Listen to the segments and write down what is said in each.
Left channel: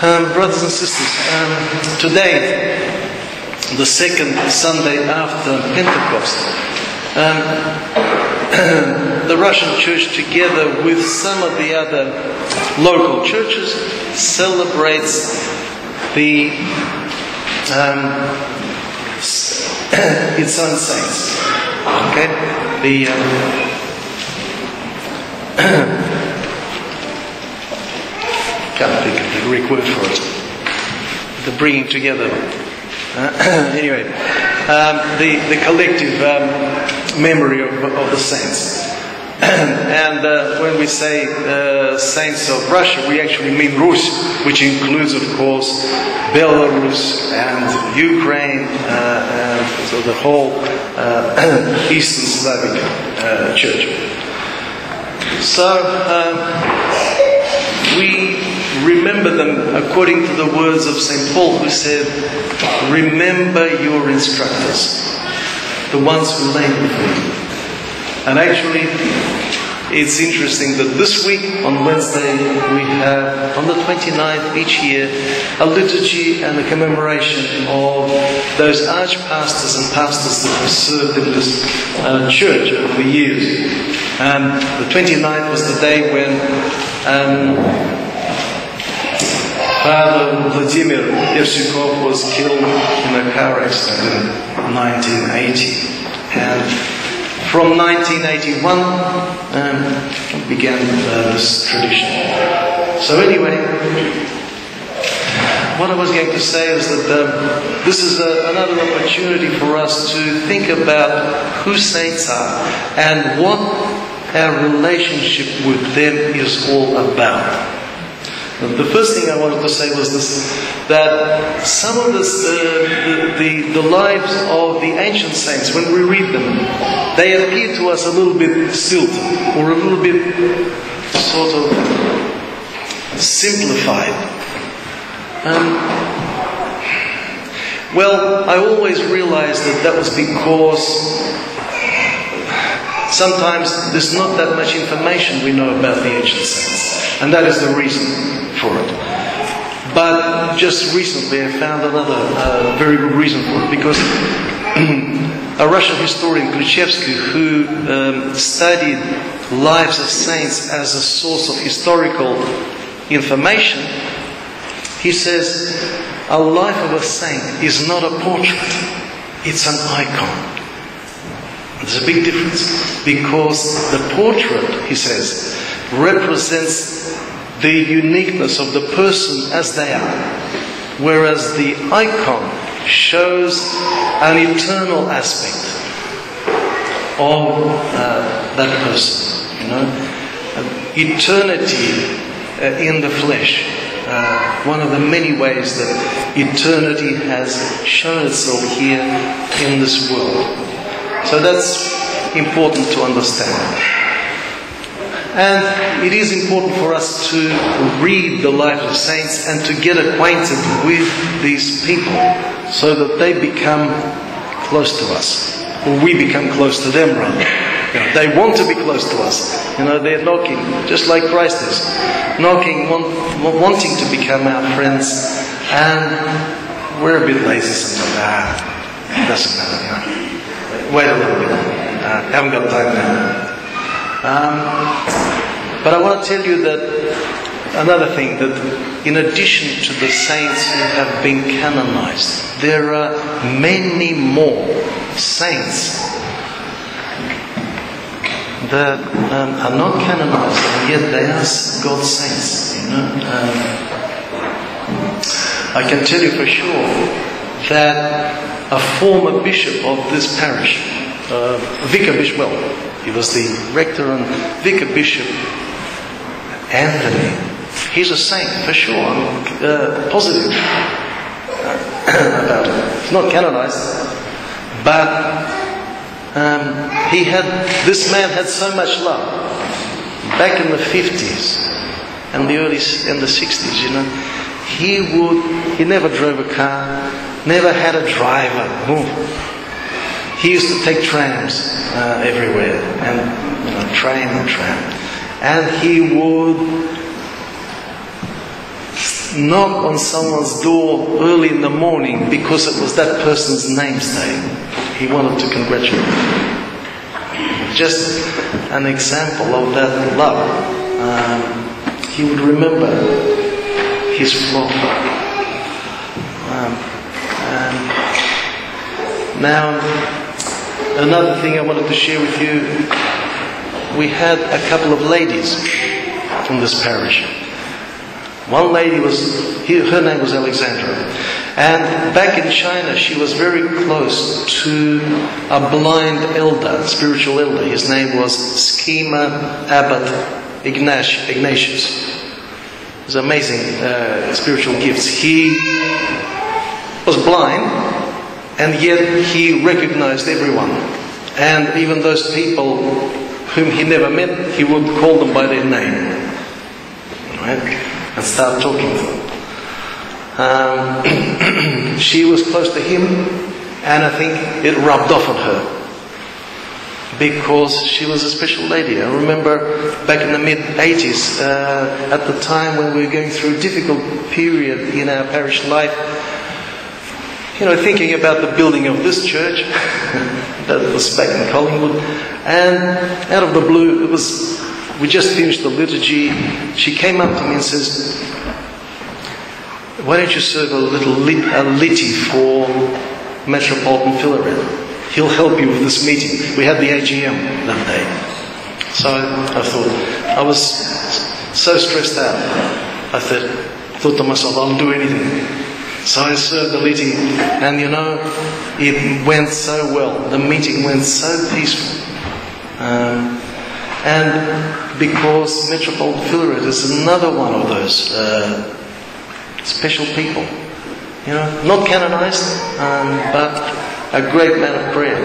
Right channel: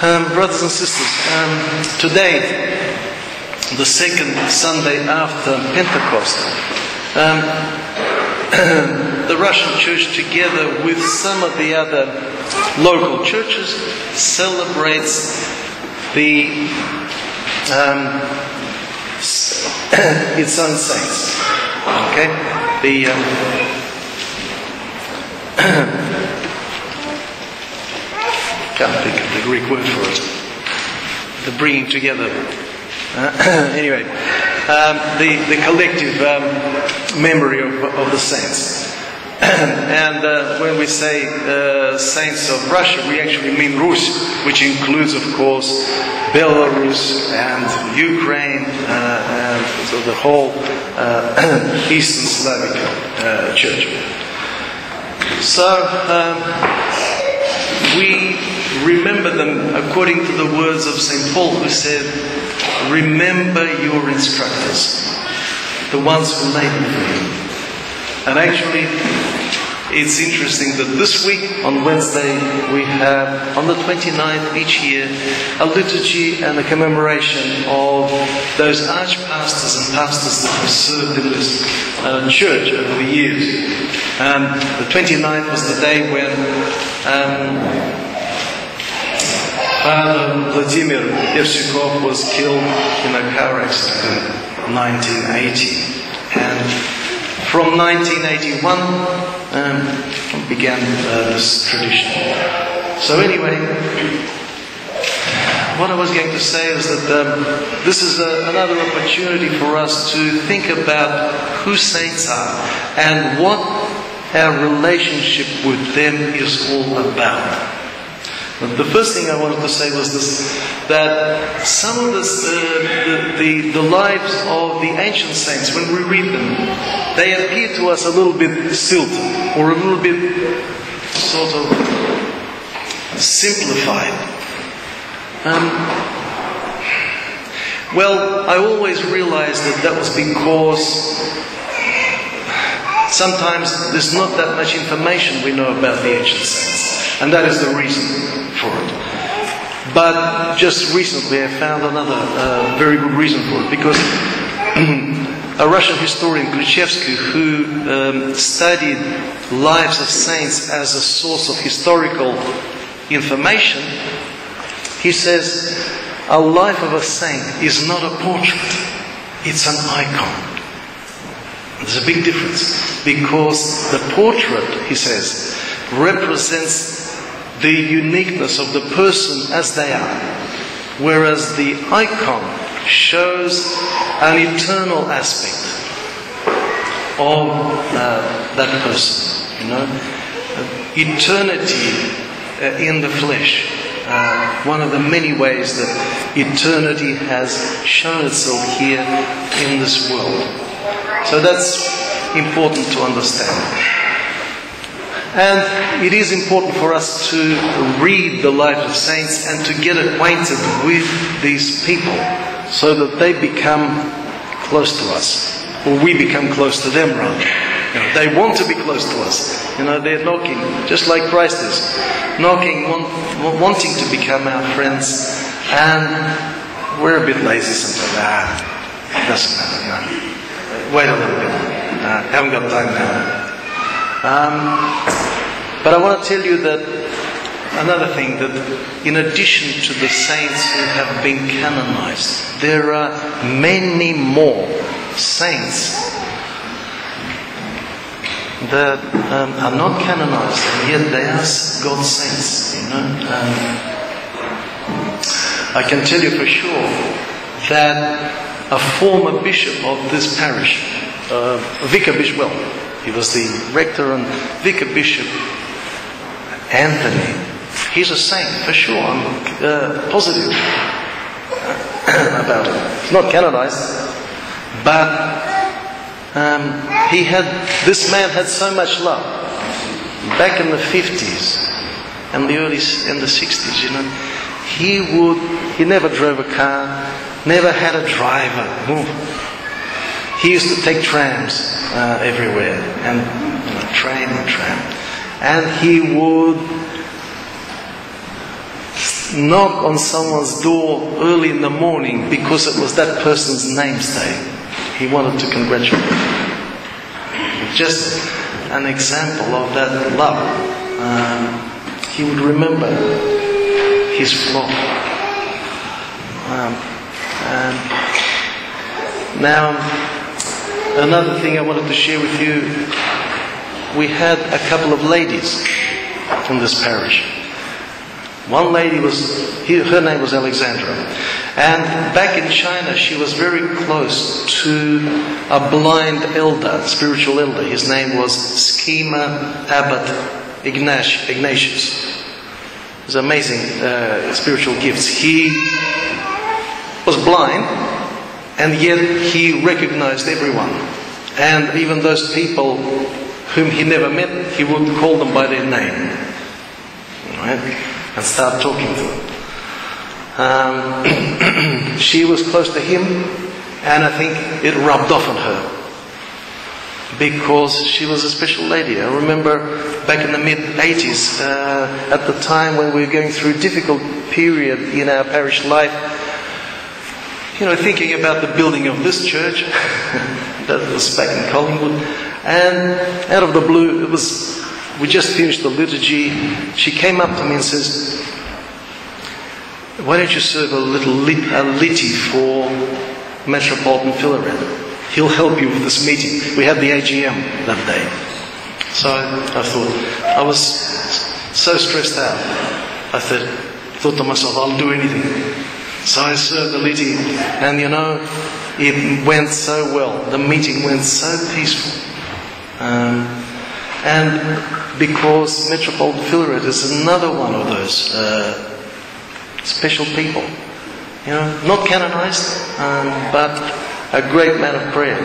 Brothers and sisters, today, the second Sunday after Pentecost, the Russian Church, together with some of the other local churches, celebrates the its own saints. Okay, can't think of the Greek word for it. The bringing together. Anyway, the collective memory of the saints. And when we say saints of Russia, we actually mean Rus, which includes, of course, Belarus and Ukraine, and so the whole Eastern Slavic Church. So we remember them according to the words of St. Paul, who said, "Remember your instructors, the ones who laid before you." And actually, it's interesting that this week, on Wednesday, we have, on the 29th each year, a liturgy and a commemoration of those archpastors and pastors that have served in this church over the years. And the 29th was the day when Father Vladimir Evshikov was killed in a car accident in 1980. And from 1981 began this tradition. So anyway, what I was going to say is that this is another opportunity for us to think about who saints are and what our relationship with them is all about. The first thing I wanted to say was this, that some of the lives of the ancient saints, when we read them, they appear to us a little bit stilted or a little bit sort of simplified. Well, I always realized that was because sometimes there's not that much information we know about the ancient saints, and that is the reason for it. But just recently I found another very good reason for it, because a Russian historian, Khrushchevsky, who studied lives of saints as a source of historical information, he says a life of a saint is not a portrait, it's an icon. There's a big difference, because the portrait, he says, represents the uniqueness of the person as they are, whereas the icon shows an eternal aspect of that person. You know, eternity in the flesh. One of the many ways that eternity has shown itself here in this world. So that's important to understand. And it is important for us to read the lives of saints and to get acquainted with these people so that they become close to us. Or we become close to them, rather. You know, they want to be close to us. You know, they're knocking, just like Christ is. Knocking, wanting to become our friends. And we're a bit lazy sometimes. It doesn't matter, you know. Wait a little bit. Haven't got time now. But I want to tell you that another thing, that in addition to the saints who have been canonized, there are many more saints that are not canonized, and yet they are God's saints. You know, I can tell you for sure that a former bishop of this parish, vicar bishop, well, he was the rector and vicar bishop, Anthony. He's a saint for sure. I'm positive about it. He's not canonized, but this man had so much love back in the 50s and the 60s. You know, he never drove a car, never had a driver. He used to take trams everywhere, and you know, train and tram. And he would knock on someone's door early in the morning because it was that person's name's day. He wanted to congratulate them. Just an example of that love. He would remember his flock. Now, another thing I wanted to share with you, we had a couple of ladies from this parish. One lady her name was Alexandra. And back in China, she was very close to a blind elder, spiritual elder. His name was Schema Abbot Ignatius. It was amazing spiritual gifts. He was blind, and yet he recognized everyone. And even those people whom he never met, he would call them by their name. Right? And start talking to them. She was close to him, and I think it rubbed off on her because she was a special lady. I remember back in the mid-80s, at the time when we were going through a difficult period in our parish life, thinking about the building of this church, that was back in Collingwood, and out of the blue, we just finished the liturgy. She came up to me and says, "Why don't you serve a litty for Metropolitan Philaret? He'll help you with this meeting." We had the AGM that day. So I thought, I was so stressed out. I thought to myself, I'll do anything. So I served the litty, and it went so well. The meeting went so peaceful. And because Metropolitan Philaret is another one of those special people, not canonized, but a great man of prayer.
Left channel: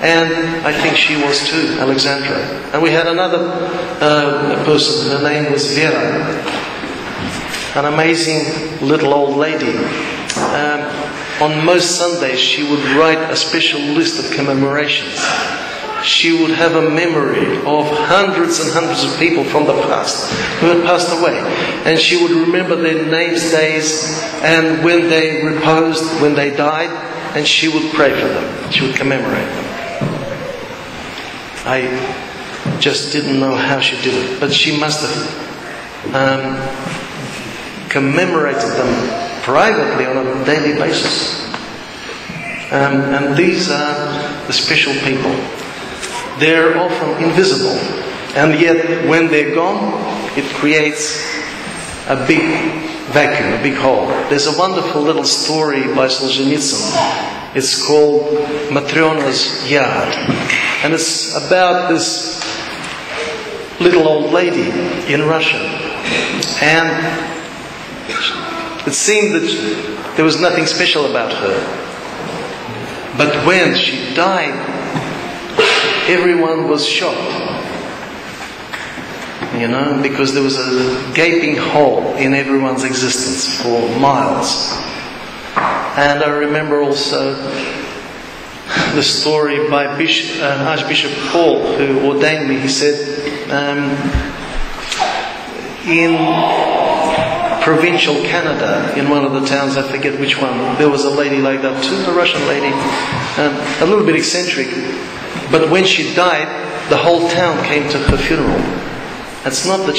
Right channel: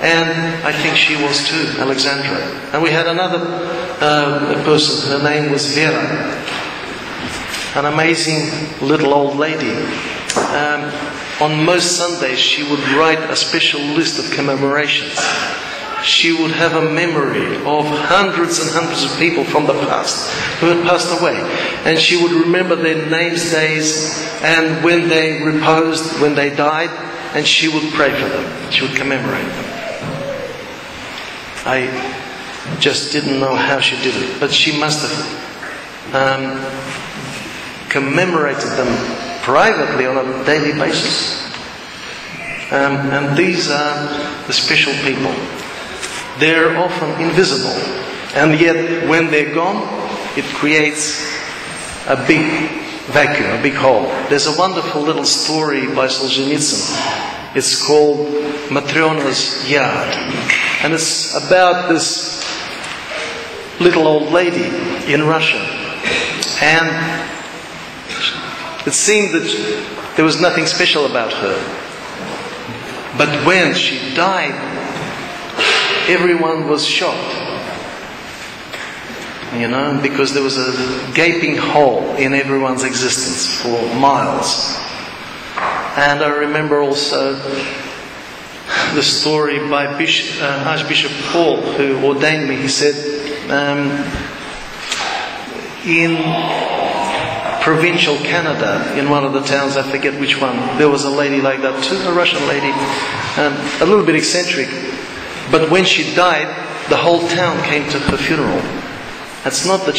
And I think she was too, Alexandra. And we had another person, her name was Vera, an amazing little old lady. On most Sundays she would write a special list of commemorations. She would have a memory of hundreds and hundreds of people from the past who had passed away. And she would remember their names, days, and when they reposed, when they died, and she would pray for them. She would commemorate them. I just didn't know how she did it, but she must have commemorated them privately on a daily basis. And these are the special people. They're often invisible, and yet when they're gone, it creates a big vacuum, a big hole. There's a wonderful little story by Solzhenitsyn. It's called Matryona's Yard, and it's about this little old lady in Russia. And it seemed that there was nothing special about her. But when she died, everyone was shocked, because there was a gaping hole in everyone's existence for miles. And I remember also the story by Archbishop Paul, who ordained me. He said, in provincial Canada, in one of the towns, I forget which one, there was a lady like that too, a Russian lady, a little bit eccentric. But when she died, the whole town came to her funeral. It's not that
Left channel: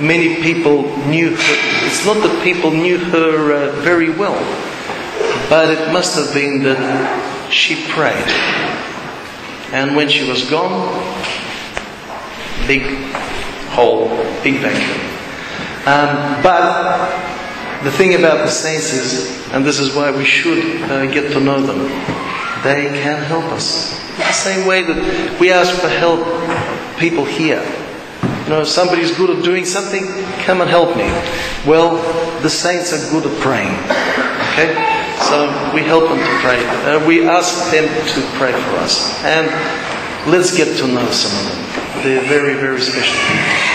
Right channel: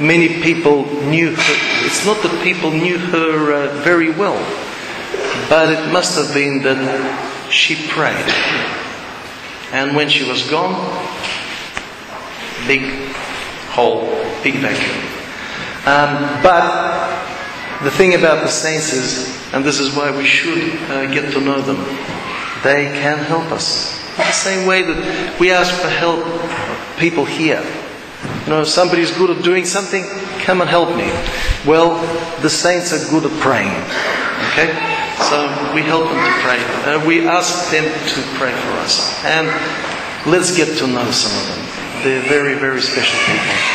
many people knew her. It's not that people knew her very well. But it must have been that she prayed. And when she was gone, big hole, big vacuum. But the thing about the saints is, and this is why we should get to know them, they can help us. In the same way that we ask for help, people here. If somebody's good at doing something, come and help me. Well, the saints are good at praying. Okay? So we help them to pray. We ask them to pray for us. And let's get to know some of them. They're very, very special people.